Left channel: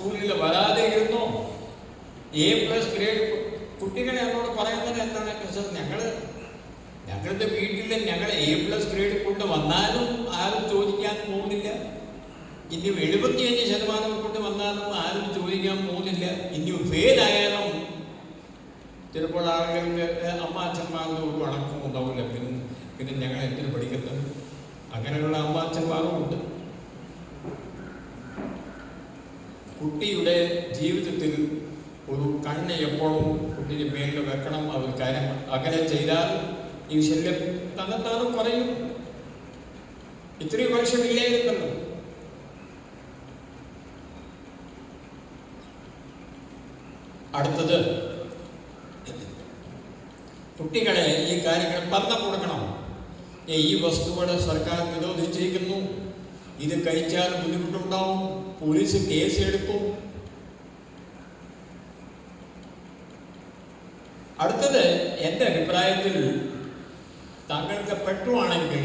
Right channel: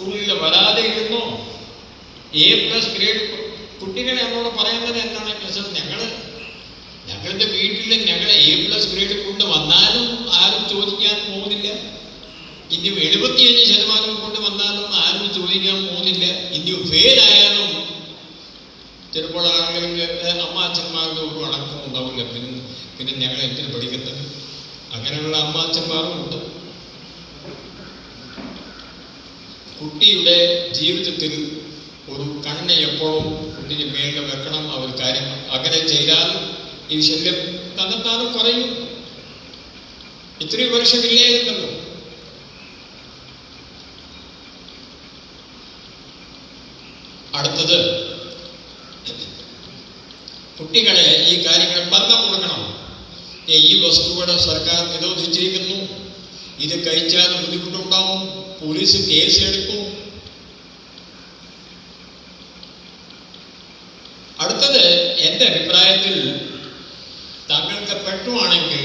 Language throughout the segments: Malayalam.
സ്കൂളിൽ വരാതെ ഇരുന്നോ? A+ ഗ്രേഡ് കുട്ടികളെ എന്നോട് പറയുന്നത് എന്താണ്? ഞങ്ങളുടെ വീട്ടിൽ ഞങ്ങൾ A+ ഗ്രേഡ് കൊണ്ട് വന്നാലും ആരും ചോദിക്കാൻ പോകുന്നില്ല. ഇനി 75% കൊണ്ട് വന്നാലും ആരും ചോദിക്കാൻ പോകുന്നില്ല. ഇനി ഫെയിലായാലും ചിലപ്പോൾ ആളുകൾക്ക് അച്ഛന്മാരുടെ ഒരു അടക്കം ഉണ്ടാവില്ല. പിന്നെ ഞങ്ങൾ എന്തിനു പഠിക്കുന്നത്? അങ്ങനെയുള്ള അച്ഛന്മാരും ഉണ്ട്. കുട്ടിയുടെ ജീവിതത്തിൽ ഒരു കണ്ണ് എപ്പോഴും കുട്ടിക്ക് മേലിൽ വെക്കണം. അവർ കാര്യം അങ്ങനെ ചെയ്താൽ ഈ ശല്യം തന്നെത്താനും കുറയും. ഇത്രയും വർഷമില്ലായിരുന്നല്ലോ. അടുത്തത്, കുട്ടികളെ ഈ കാര്യങ്ങൾ പറഞ്ഞു കൊടുക്കണം. ഈ വസ്തുക്കളെ സർക്കാർ നിരോധിച്ചിരിക്കുന്നു, ഇത് കഴിച്ചാൽ ബുദ്ധിമുട്ടുണ്ടാവും, പോലീസ് കേസ് എടുക്കും. അടുത്തത്, എൻ്റെ അഭിപ്രായത്തിൽ താങ്കൾക്ക് പറ്റുവാണെങ്കിൽ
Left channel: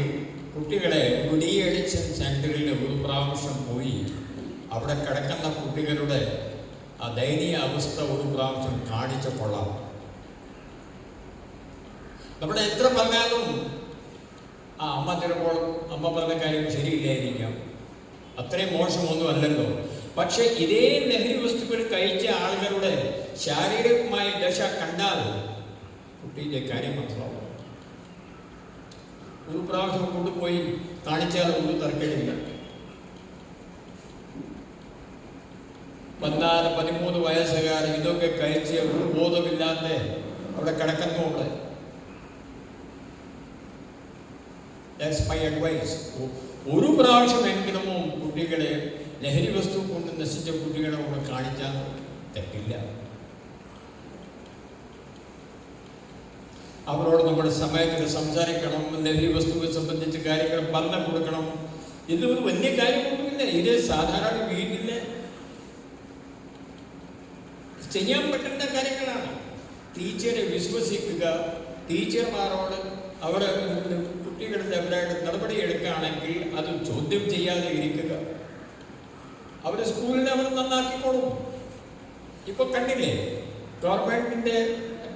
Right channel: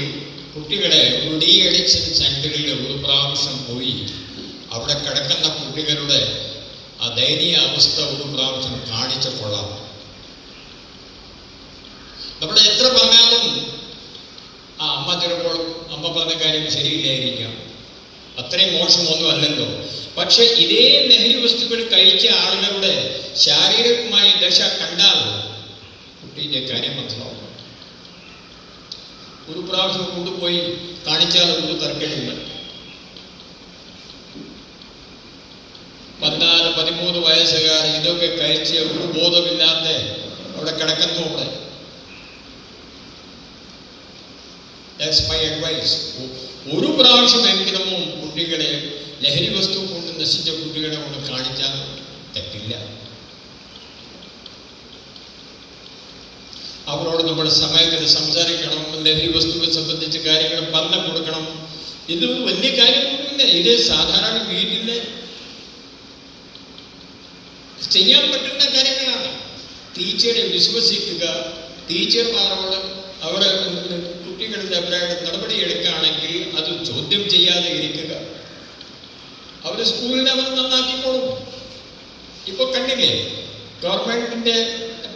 കുട്ടികളെ ഒരു ഡി അഡിക്ഷൻ സെന്ററിൽ ഒരു പ്രാവശ്യം പോയി അവിടെ കിടക്കുന്ന കുട്ടികളുടെ ആ ദയനീയ അവസ്ഥ ഒരു പ്രാവശ്യം കാണിച്ച കൊള്ളാം. നമ്മൾ എത്ര പറഞ്ഞാലും അമ്മ ചിലപ്പോൾ അമ്മ പറഞ്ഞ കാര്യം ശരിയില്ലായിരിക്കാം, അത്രയും മോശമൊന്നും അല്ലല്ലോ. പക്ഷെ ഇതേ ലഹരി വസ്തുക്കൾ കഴിച്ച ആളുകളുടെ ശാരീരികമായ ദശ കണ്ടാൽ കുട്ടിയുടെ കാര്യം മനസ്സിലാവും. ഒരു പ്രാവശ്യം കൊണ്ടുപോയി കാണിച്ചാൽ ഒരു തർക്കമില്ല. 14-13 വയസ്സുകാർ ഇതൊക്കെ കഴിച്ച് ഒരു ബോധമില്ലാതെ അവിടെ കിടക്കുന്നു. അവിടെ That's my advice. ഒരു പ്രാവശ്യമെങ്കിലും കുട്ടികളെ ലഹരി വസ്തു കൊണ്ട് നശിച്ച കുട്ടികളെ കൊണ്ട് കാണിച്ചാൽ തെറ്റില്ല. അവരോട് നമ്മൾ സമയത്തിന് സംസാരിക്കണം, ലഹരി വസ്തുവിനെ സംബന്ധിച്ച കാര്യങ്ങൾ പറഞ്ഞു കൊടുക്കണം. ഇതൊരു വലിയ കാര്യമൊന്നുമില്ല. ഇത് സാധാരണ വീട്ടിൽ ചെയ്യാൻ പറ്റുന്ന കാര്യങ്ങളാണ്. ടീച്ചറെ വിശ്വസിക്കുക, ടീച്ചർമാരോട് അവരെ കുട്ടികളുടെ അവരുടെ നടപടി എടുക്കുകയാണെങ്കിൽ അത് ചോദ്യം ചെയ്യാതെ ഇരിക്കുക. അവർ സ്കൂളിനെ അവർ നന്നാക്കിക്കോളും. ഇപ്പോൾ കണ്ടില്ലേ, ഗവൺമെന്റിന്റെ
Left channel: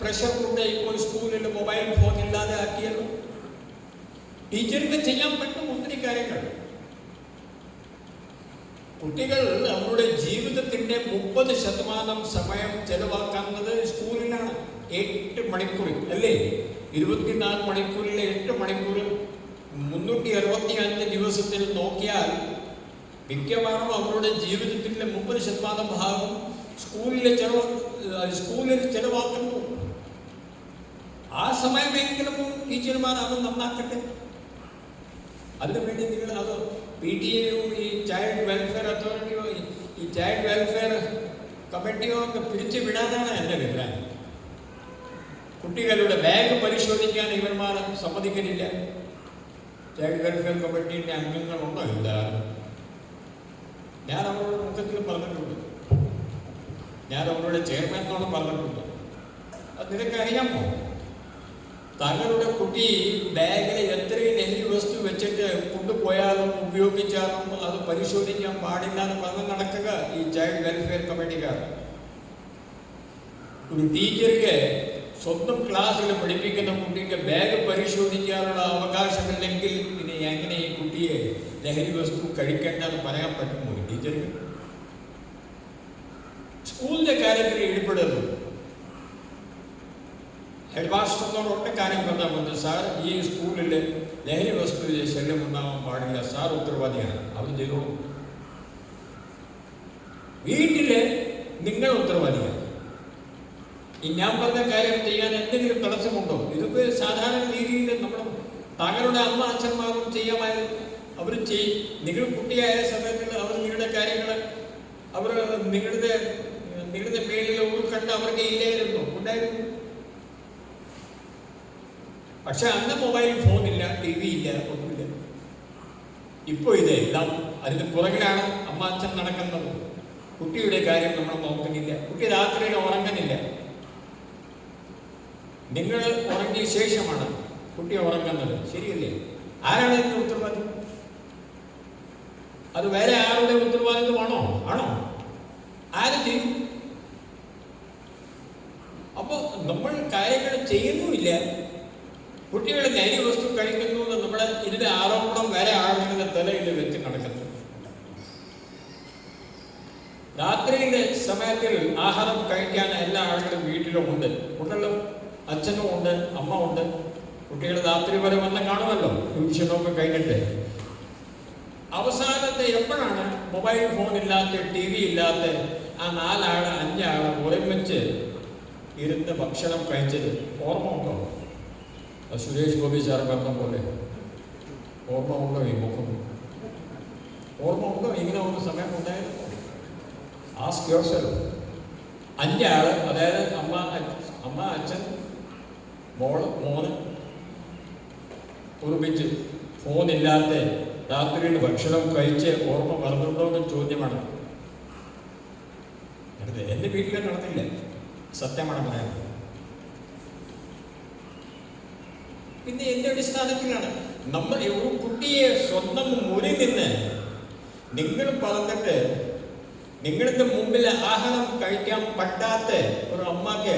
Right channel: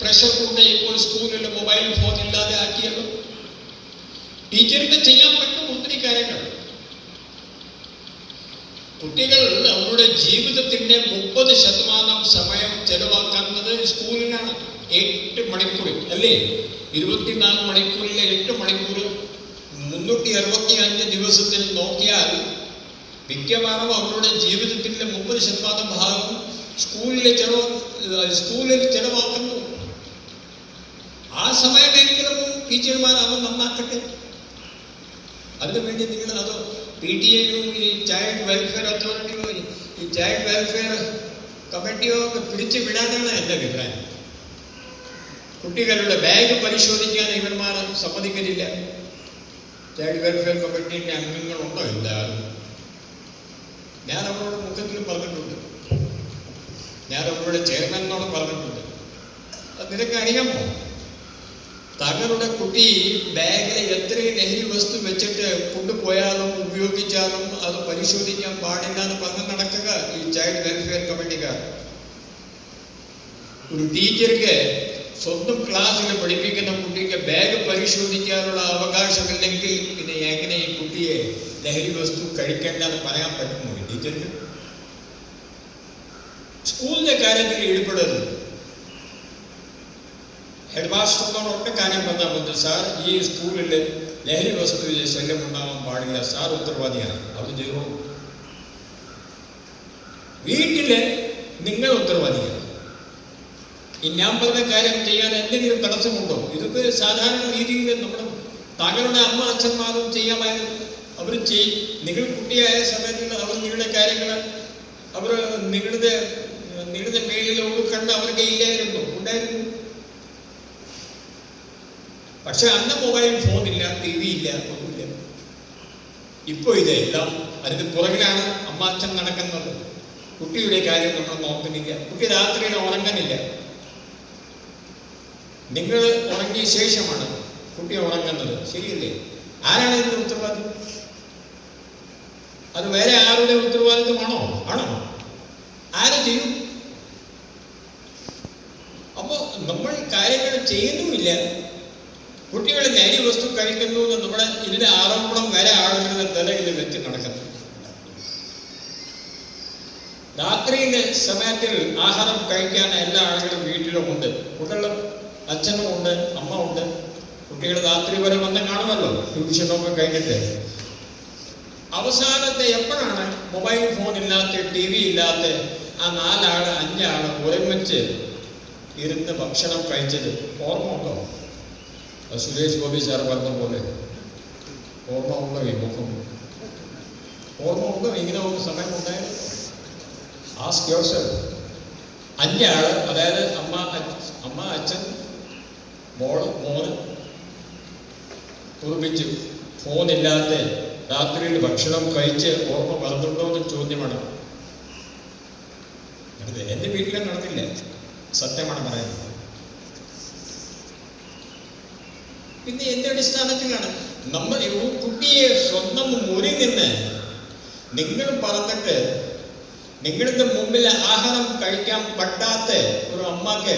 പ്രഷർ കൊണ്ട് ഇപ്പോൾ സ്കൂളിൽ മൊബൈൽ ഫോൺ ഇല്ലാതെ ആക്കിയല്ലോ. ടീച്ചർക്ക് ചെയ്യാൻ പറ്റും ഒത്തിരി കാര്യങ്ങൾ. കുട്ടികൾ അവരുടെ ജീവിതത്തിന്റെ 30% സമയം ചെലവാക്കുന്നത് സ്കൂളിലാണ്. 8 മണിക്കൂർ അല്ലേ? 24 മണിക്കൂറിൽ 8 മണിക്കൂർ 365 ദിവസത്തിൽ നോക്കിയാൽ മിക്കവാറും അവരുടെ ജീവിതത്തിന്റെ 30% ഭാഗം സ്കൂളിൽ ചെലവാക്കുന്നു. ആ സമയമെങ്കിലും ടീച്ചർമാർ അത് നന്നാക്കട്ടെ. അതിനുവേണ്ടി നിങ്ങൾ അത് PTA-യും ഈ ചൈൽഡ് വെൽഫെയർ അതോറിറ്റിയോ ഈ ചൈൽഡ് വെൽഫെയർ കമ്മിറ്റിയോ ഒക്കെ പിടിച്ചു വിടാനാണ് എൻ്റെ അഭിപ്രായം. കുട്ടികളുടെ ബാഗ് പരിശോധിക്കാൻ ഇവന്മാർ സമ്മതിക്കുന്നില്ല. ചൈൽഡ് വെൽഫെയർ കമ്മിറ്റിൻ്റെ അംഗങ്ങളുണ്ടോ? ഇല്ല. ഞാൻ അവരോട് മുഖത്തിൽ പറഞ്ഞിട്ടുണ്ട്, ഞാൻ അവരുടെ ചെയർമാനോടും പറഞ്ഞിട്ടുണ്ട്. അത് നിനക്ക് അറിയാമോ, തങ്ങളുടെ കുട്ടി ബാഗിൽ എത്രയും ലഹരി വസ്തു വെച്ചിട്ട് കൊണ്ടുപോയാലും ഉപയോഗിച്ചാലും അത് പരിശോധിക്കാൻ പാടില്ല എന്ന് പറഞ്ഞ് നടക്കുക ഈ ചൈൽഡ് വെൽഫെയർ കമ്മിറ്റിക്കാർ. ഒരു ടീച്ചർക്ക് സ്വന്തം ക്ലാസ്സിൽ പഠിപ്പിക്കുന്ന കുട്ടിക്ക് ബാഗ് പരിശോധിക്കാനുള്ള അവകാശമില്ലെങ്കിൽ പിന്നെ എങ്ങനെ ഈ കുട്ടിയെ ലഹരി വസ്തു കഴിക്കേണ്ടെന്ന് പറയാൻ പറ്റുമോ ടീച്ചർക്ക്? സ്കൂളിന്റെ കാര്യത്തിൽ ഇടപെടരുത്. ഹെഡ് മാസ്റ്ററിനോട് ഒറ്റ കാര്യം പറഞ്ഞാൽ മതി, സാർ ഈ സ്കൂളിൽ ലഹരി വസ്തുവിന്റെ ശല്യം ഉണ്ടാകാൻ പാടില്ല, സാർ ഉത്തരവാദിയാണ്. അവർ ചെയ്യണോ? വീട്ടില് നിങ്ങൾ ഉത്തരവാദിയാണ്. ഈ ഞാൻ പറഞ്ഞ കാര്യം ചെയ്യാൻ എന്തെങ്കിലും തടസ്സമുണ്ടോ? ഇതൊക്കെ സാധാരണ രീതിയിൽ നമ്മുടെ താങ്കളുടെ അച്ഛന്മാരും ചെയ്യാമായിരുന്നു. അവർ ചെയ്യും. നിങ്ങൾ കുട്ടിയായ സമയത്ത് അവർ നിങ്ങളുടെ കാര്യങ്ങൾ അവർ നിങ്ങളുടെ മേലിൽ ഉൾക്കണ്ട് അവർക്ക് ഇല്ലായിരുന്നു, ഉണ്ടായിരുന്നു. പക്ഷെ അന്ന് മൊബൈൽ ഫോണില്ല, TV ഇല്ല, ഒന്നുമില്ല. ഇപ്പോൾ ഇതെല്ലാം അതിന് പുറകിലാണ് അച്ഛൻ നടക്കുന്നത്. കുട്ടിയുടെ കാര്യം നമ്മൾ നോക്കുന്നില്ല. കുട്ടി രാത്രിയിൽ ഉറങ്ങുന്നില്ല. നിങ്ങൾ ഉറങ്ങിയ ശേഷമാണ് കുട്ടി ഉറങ്ങുന്നത്, ശരിയല്ലേ? ആരാണ് ഇതിന്റെ ഉത്തരവാദി? അത് വേറെ ആരുടെ ഉത്തരവാദിത്വമാണോ? ആണോ? ആര് ചെയ്യും? അപ്പോൾ നമ്മൾ കാര്യങ്ങൾ ചെയ്യുന്നുമില്ല. കുട്ടികൾ ലഹരി വസ്തു കഴിക്കുന്നു എന്ന് നമ്മുടെ ഇതിന്റെ ആരോപണം വരെ ആളുകളുടെ തലയിൽ വെച്ച് നടക്കുന്നു. രാത്രിയിലെ സമയത്തിൽ ആഹാരം കഴിക്കാൻ എല്ലാ ആളുകളും വീട്ടിലും ഉണ്ട്. കുട്ടികളും അച്ഛനും ഉണ്ട്, അമ്മ ഉണ്ട്. കുട്ടികൾ രാത്രി വരെ വന്ന് കാണുമല്ലോ ട്യൂഷനൊക്കെ കഴിഞ്ഞിട്ട്. അവസാനത്തെ എപ്പോഴാണ് മൊബൈൽ ഫോൺ ഇല്ലാത്ത, ടി വി ഇല്ലാത്ത ആ 4 ആള് 5 ആള് ഒരുമിച്ച് ഇരുന്ന് ഭക്ഷണം കഴിച്ചത് ഓർമ്മ ഉണ്ടോ? സുരേഷ് ഗോപി സാർ പറഞ്ഞ പോലെ ഓർമ്മ ഉണ്ടോ? ഈ മുഖം ഓർമ്മ ഉണ്ടോ? ഇങ്ങനെ ഒരു സമയം ഉണ്ടായിരുന്നു? Ask yourself. 5 ആള്, അതായത് അമ്മ, അച്ഛൻ, മോള്, മോന് ഒരുമിച്ച് ഫോണില്ലാത്ത രാത്രിയിൽ ഭക്ഷണം കഴിച്ച് ഓർമ്മ പറഞ്ഞുണ്ടോ എന്ന് ചോദ്യമാണ്. എൻ്റെ വീട്ടിലും നടന്നില്ല, സത്യമാണ് പറയുന്നത്. പിന്നെ എന്ത് അടിസ്ഥാനത്തിലാണ് നമ്മൾ ഒരു കുട്ടിയെ സ്വന്തം മുറിയിൽ നിന്ന് നിങ്ങൾ പറഞ്ഞിട്ട് നിങ്ങളുടെ മുമ്പിൽ ആഹാരം കഴിക്കാൻ പറ്റാത്ത ഒരു അമ്മക്ക്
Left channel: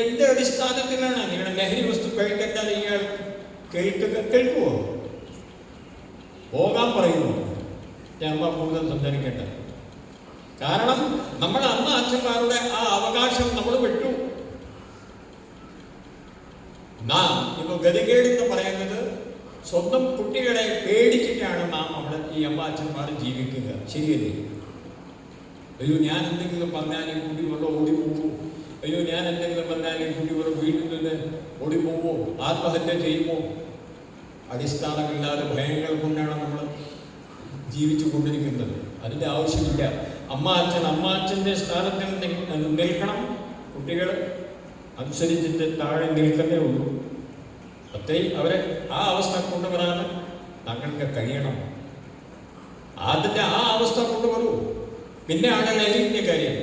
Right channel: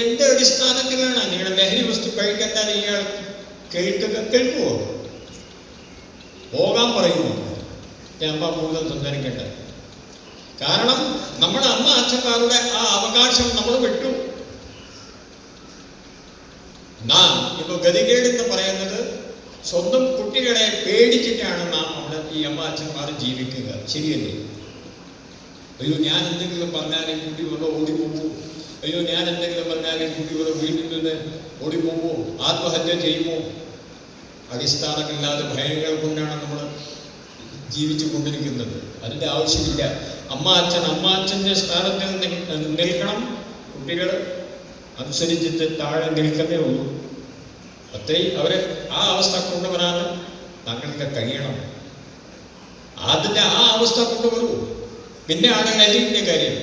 എന്ത് അടിസ്ഥാനത്തിലാണ് നിങ്ങൾ ലഹരി വസ്തു കഴിക്കാൻ ഇയാൾ കേൾക്കുമോ? പോകാൻ പറയുമോ? ഞാൻ അമ്മ കൂടുതൽ സംസാരിക്കേണ്ട. കാരണം നമ്മുടെ അമ്മ അച്ഛന്മാരുടെ ആ അവകാശം നമ്മൾ വിട്ടു. നാം ഇപ്പൊ ഗതികേടെന്ന് പറയുന്നത് സ്വന്തം കുട്ടികളെ പേടിച്ചിട്ടാണ് നാം നമ്മുടെ ഈ അമ്മ അച്ഛന്മാർ ജീവിക്കുക. ശരിയല്ലേ? അയ്യോ, ഞാൻ എന്തെങ്കിലും പറഞ്ഞാലും കുട്ടി വന്ന് ഓടിപ്പോകുമോ? അയ്യോ, ഞാൻ എന്തെങ്കിലും പറഞ്ഞാലും കുട്ടി വന്ന് വീട്ടിൽ നിന്ന് ഓടിപ്പോകുമോ? ആത്മഹത്യ ചെയ്യുമോ? അടിസ്ഥാനമില്ലാതെ ഭയങ്ങൾ കൊണ്ടാണ് നമ്മൾ ജീവിച്ചു കൊണ്ടിരിക്കുന്നത്. അതിൻ്റെ ആവശ്യമില്ല. അമ്മ അച്ഛൻ്റെ സ്ഥാനത്തിൽ നിൽക്കണം. കുട്ടികൾ അനുസരിച്ചിട്ട് താഴെ നിൽക്കുന്നേ ഉള്ളൂ. അവരെ ആ അവസ്ഥ കൊണ്ടുവരാൻ താങ്കൾക്ക് കഴിയണം. അതിൻ്റെ ആ അവസ്ഥ കൊണ്ടുവരൂ. പിന്നെ ആണ് ലഹരിൻ്റെ കാര്യം.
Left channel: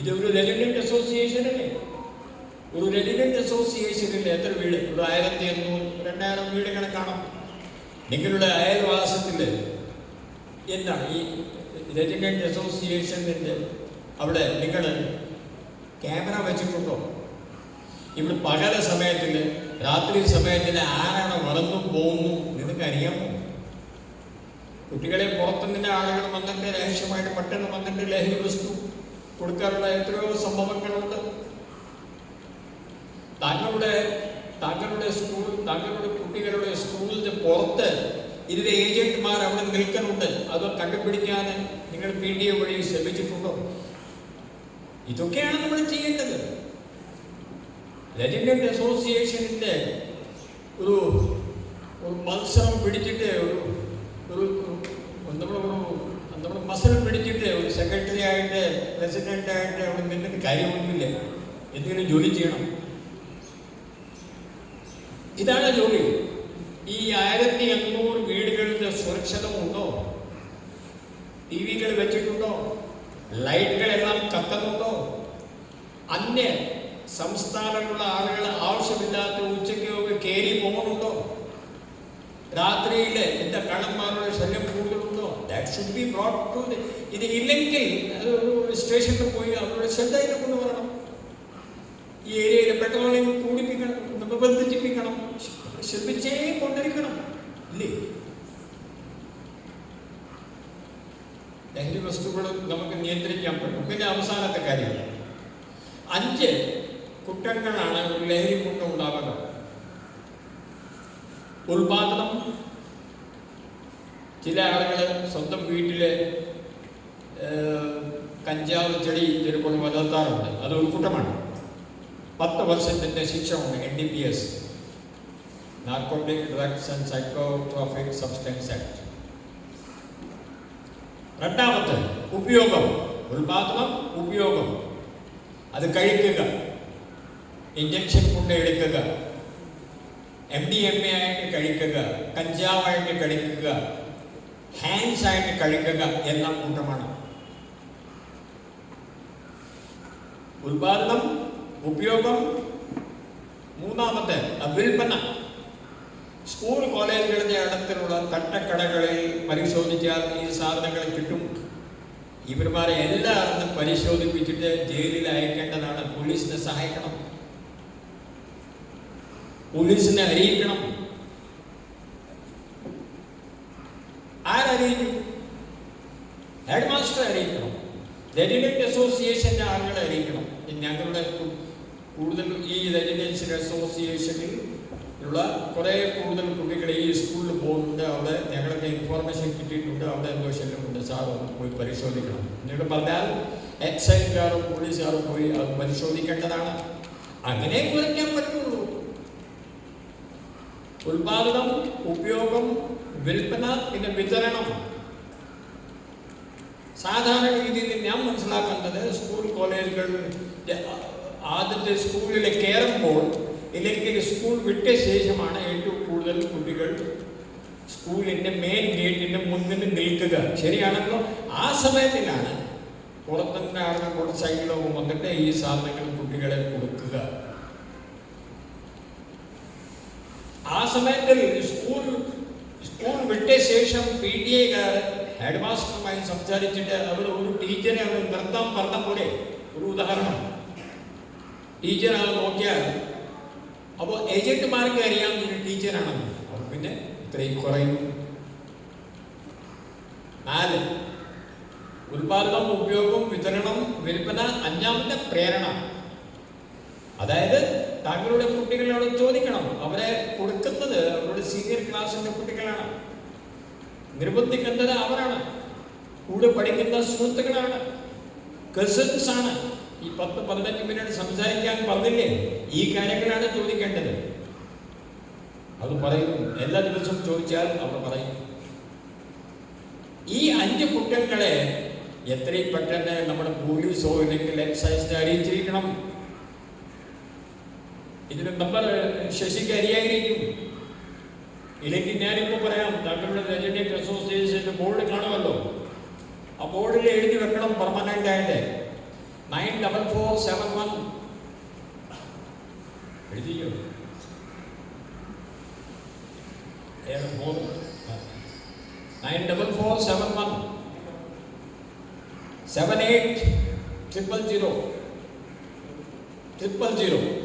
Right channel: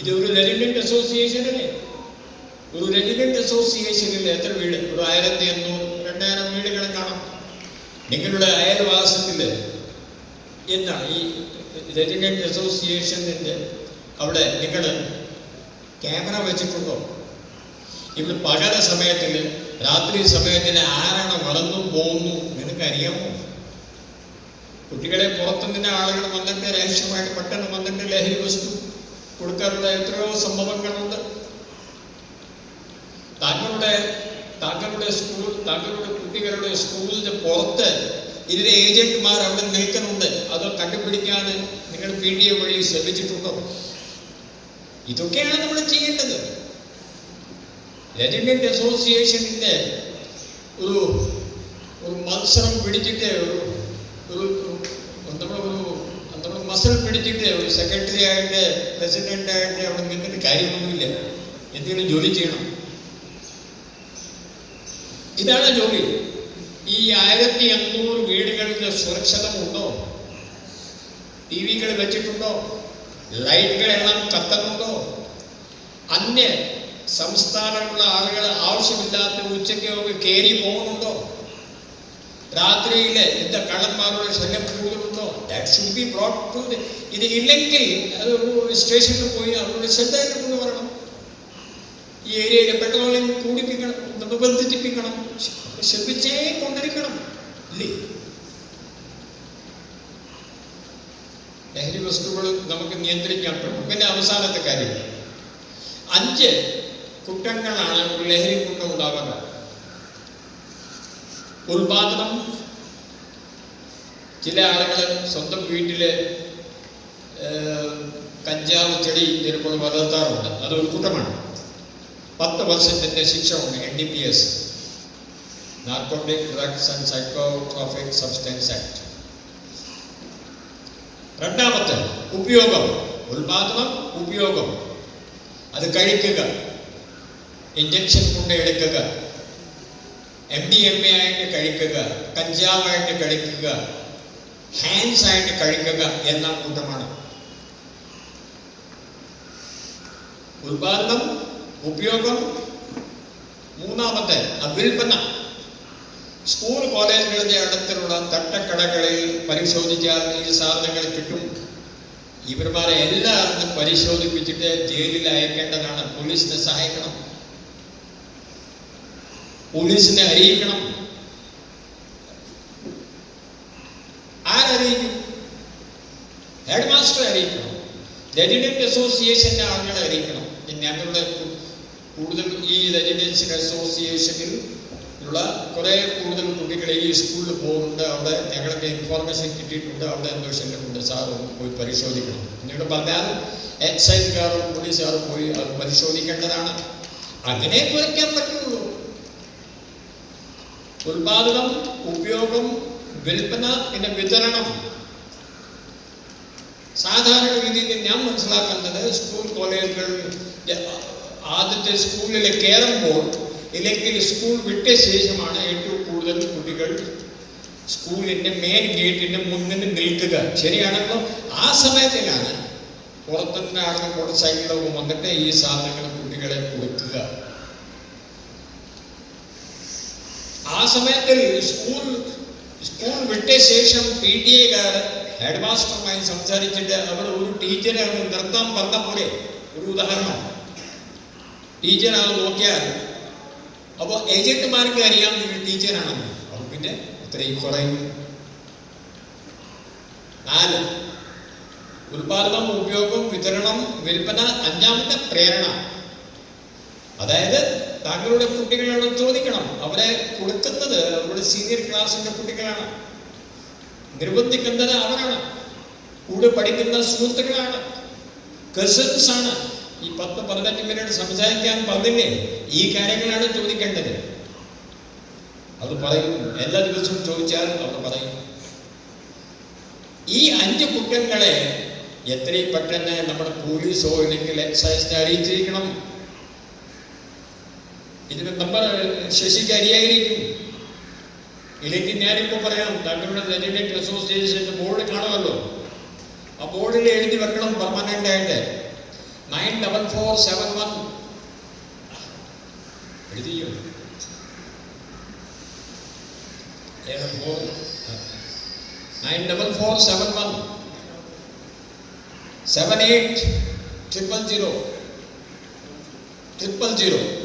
ഇതൊരു റെസിഡന്റ് അസോസിയേഷൻ അല്ലേ? ഒരു റെസിഡന്റ് അസോസിയേഷനിൽ എത്ര വീട്? ഒരു 1500 2000 വീടുകൾ കാണാം. നിങ്ങളുടെ അയൽവാസത്തിൽ എന്താണ് ഈ റെസിഡന്റ് അസോസിയേഷൻ്റെ അവിടെ നിങ്ങൾ ക്യാമറ വെച്ചിട്ടുണ്ടോ? ഇവിടെ പകല സമയത്തിൽ, രാത്രി സമയത്തിൽ ആരാണ് വളർന്നു പോകുന്നു നിനക്കറിയാമോ? കുട്ടികളെ പുറത്തുനിന്ന് ആളുകൾ വന്നിട്ട് രഹസ്യമായിട്ട് പെട്ടെന്ന് വന്നിട്ട് ലഹരി വസ്തു കൊടുക്കാറുള്ള എത്രയോ സംഭവങ്ങളുണ്ട്. താങ്കളുടെ സ്കൂൾ, താങ്കളുടെ കുട്ടികളുടെ സ്കൂളിന്റെ പുറത്ത് ഇതിന്റെ ഏജന്റുമാർ അവിടെ നിൽക്കുന്നുണ്ട്. അത് കണ്ടുപിടിക്കാൻ നിങ്ങൾ PTA വഴി ശ്രമിച്ചിട്ടുണ്ടോ? ഇതൊക്കെയാണ് നമ്മൾ ചെയ്യേണ്ടത്. റെസിഡന്റ് അസോസിയേഷന്റെ ഒരു മത്സരം പിടിച്ചിട്ട് നമ്മൾ മസൽ പിടിച്ചിട്ട് ഒരു സെക്രട്ടറി ആയിട്ട് പ്രസിഡന്റ് ആയിട്ട് അവിടെ നിന്നിട്ട് കാര്യമൊന്നുമില്ല. എന്തെങ്കിലും ജോലി ചെയ്യണം. ഇതാണ് ജോലി. ഈ 1500 വീടുകൾക്ക് സുരക്ഷിതമുണ്ടോ? TV-കൾ വെച്ചിട്ടുണ്ടോ? ലൈറ്റുകളെല്ലാം കത്തുന്നുണ്ടോ? അന്യ സംസ്ഥാനങ്ങളിലുള്ള ആളുകൾ ആവശ്യമില്ലാത്ത ഉച്ചയ്ക്ക് കയറി പോകുന്നുണ്ടോ? രാത്രിയിൽ എന്താ കള്ളന്മാരുടെ ശല്യം കൂടുതലുണ്ടോ? That should be brought too. ഇത് ഇല്ലെങ്കിൽ അത് ഒരു സ്റ്റേഷനിൽ പോയി അവരുടെ ശ്രദ്ധയിൽ കൊണ്ടുവരണം. ഈ ഏരിയയിൽ പെട്രോളിയം കൂടിപ്പിക്കണം, നിർബന്ധിപ്പിക്കണം, ശ്രദ്ധിച്ചേ കൊണ്ടിരിക്കണം. ഇല്ലേ? ലഹരി വസ്തുക്കൾ നമുക്ക് നിയന്ത്രിക്കാൻ പറ്റും. പിന്നെ അവസാനത്തെ കാര്യം, 5 കുറ്റങ്ങളാണ് ഒരു ലഹരി കൊണ്ട് ഉണ്ടാവുക. ഉൽപാദനം. ചില ആളുകൾ സ്വന്തം വീട്ടില് കഞ്ചാവ് ചെടി ചിലപ്പോൾ വളർത്താറുണ്ട്. അത് ഒരു കുറ്റമാണ്. 10 വർഷത്തിന്റെ ശിക്ഷ ഉണ്ട്. NDPS, narcotic drugs and psychotropic substance act. രണ്ടാമത്തെ ഉപയോഗം. ഉൽപാദനം, ഉപയോഗം. അത് കഴിക്കുക, ഇഞ്ചക്ഷൻ കൊണ്ട് എടുക്കുക, MDMA ആയിട്ട് കഴിക്കുക, കഞ്ചാവായിട്ട് കഴിക്കുക, ഹാൻഡ്സ് ആയിട്ട് കഴിക്കുക എന്ന കൂട്ടമാണ്. ഉൽപാദനം, ഉപയോഗം. മൂന്നാമത്തെ വിൽപ്പന. സ്കൂൾ കോളേജുകളുടെ അടുത്തുള്ള തട്ടക്കടകളിൽ പരിശോധിച്ചാൽ ഈ സാധനങ്ങൾ കിട്ടും. ഇവന്മാരെ എല്ലാവരും പരിശോധിപ്പിച്ചിട്ട് ജയിലിൽ അയക്കേണ്ടതാണ്. പോലീസിനെ സഹായിക്കണം, പോലീസിനെ അറിയിക്കണം. ആരറിയിക്കും? ഹെഡ് മാസ്റ്റർ അറിയിക്കണം, റെസിഡൻറ്റ് അസോസിയേഷൻ്റെ ആളുകളെ അറിയിക്കണം. ഞങ്ങളുടെ കൂടുതൽ ഈ റെസിഡൻഷ്യൽ അസോസിയേഷനിൽ ഉള്ള കുറേ കൂടുതൽ കുട്ടികൾ ഈ സ്കൂളിൽ പോകുന്നുണ്ട്. അവിടെ ഞങ്ങൾക്ക് ഇൻഫോർമേഷൻ കിട്ടിയിട്ടുണ്ട്, അവിടെ എന്തോ ശല്യമുണ്ട്, സാർ ഒന്ന് പോയി പരിശോധിക്കണം. എന്നിട്ട് പറഞ്ഞാൽ എക്സൈസുകാരും പോലീസുകാരും പോയി അത് പരിശോധിക്കേണ്ടതാണ്. അങ്ങനെ കുറയ്ക്കാൻ പറ്റുള്ളൂ. ഉൽപാദനം, ഉപയോഗം, വിൽപ്പന, പിന്നെ വിതരണം. സാധാരണ രീതിയിൽ ഞാൻ മനസ്സിലാക്കുന്നത് സ്കൂൾ കോളേജുകൾ ആദ്യത്തെ സ്കൂളിൽ കയറുമ്പോൾ ഇല്ലെങ്കിൽ സ്കൂൾ വിട്ട ശേഷമാണ് ഏറ്റവും കൂടുതൽ കുട്ടികൾ സ്കൂളിൻ്റെ മെയിൻ ഗേറ്റിൻ്റെ മുന്നിൽ നിൽക്കുക. ശരിയാണല്ലോ? ആ സമയത്തിലാണ് പുറത്തുനിന്ന് ആളുകൾ മോട്ടോർ സൈക്കിളൊക്കെ വന്നിട്ട് ഈ സാധനങ്ങൾ കുട്ടികളെ കൊടുക്കുക. ആ സമയത്തിൽ സ്കൂൾ വിട്ട ശേഷം PTA ഹെഡ് മാസ്റ്ററുമായി സംസാരിച്ചിട്ട് അവിടെ ഒരു ടീച്ചറെ അവർ നിർത്താൻ പറഞ്ഞ പോലെ, ഒരു ഉദാഹരണം, ടീച്ചർ അത് നോക്കിയാൽ അപ്പോൾ ഏജന്റുമാർക്ക് അറിയാം ഒരു ടീച്ചറാണെന്ന്. അപ്പോൾ പിന്നെ ഇത്രയും കുറയും. 4 ഉൽപാദനം, ഉപയോഗം, വിതരണം, വിൽപ്പന. 5ാമത്തെ പ്രേരണ. അതായത് താങ്കളുടെ കുട്ടികളോട് ചോദിക്കണം. അവരെ കൊടുക്കുന്നത് അവരുടെ സീനിയർ ക്ലാസ്സിൻ്റെ കുട്ടികളാണ്, നിർബന്ധിക്കുന്നത് അവരാണ്, കൂടെ പഠിക്കുന്ന സുഹൃത്തുക്കളാണ്, കസിൻസ് ആണ്. ഈ 10-15 മിനിറ്റ് സംസാരിക്കാൻ പറഞ്ഞില്ലേ? ഈ കാര്യങ്ങളാണ് ചോദിക്കേണ്ടത്. അത് പറയും. എല്ലാ ദിവസവും ചോദിച്ചാൽ അവർ പറയും. ഈ 5 കുറ്റങ്ങളെ എത്രയും പെട്ടെന്ന് നമ്മുടെ പോലീസോ അല്ലെങ്കിൽ എക്സൈസിനെ അറിയിച്ചിരിക്കണം. ഇതിന് നമ്മൾ ശശിക്ക് അറിയായിരിക്കും. ഇല്ലെങ്കിൽ ഞാനിപ്പോൾ പറയാം, താങ്കളുടെ റെസിഡൻറ്റ് അസോസിയേഷൻ്റെ ബോർഡ് കാണുമല്ലോ, ആ ബോർഡിൽ എഴുതി വെക്കണം പെർമനൻ്റ് ആയിട്ട് 94471 എഴുതിയോ? 94471 780000.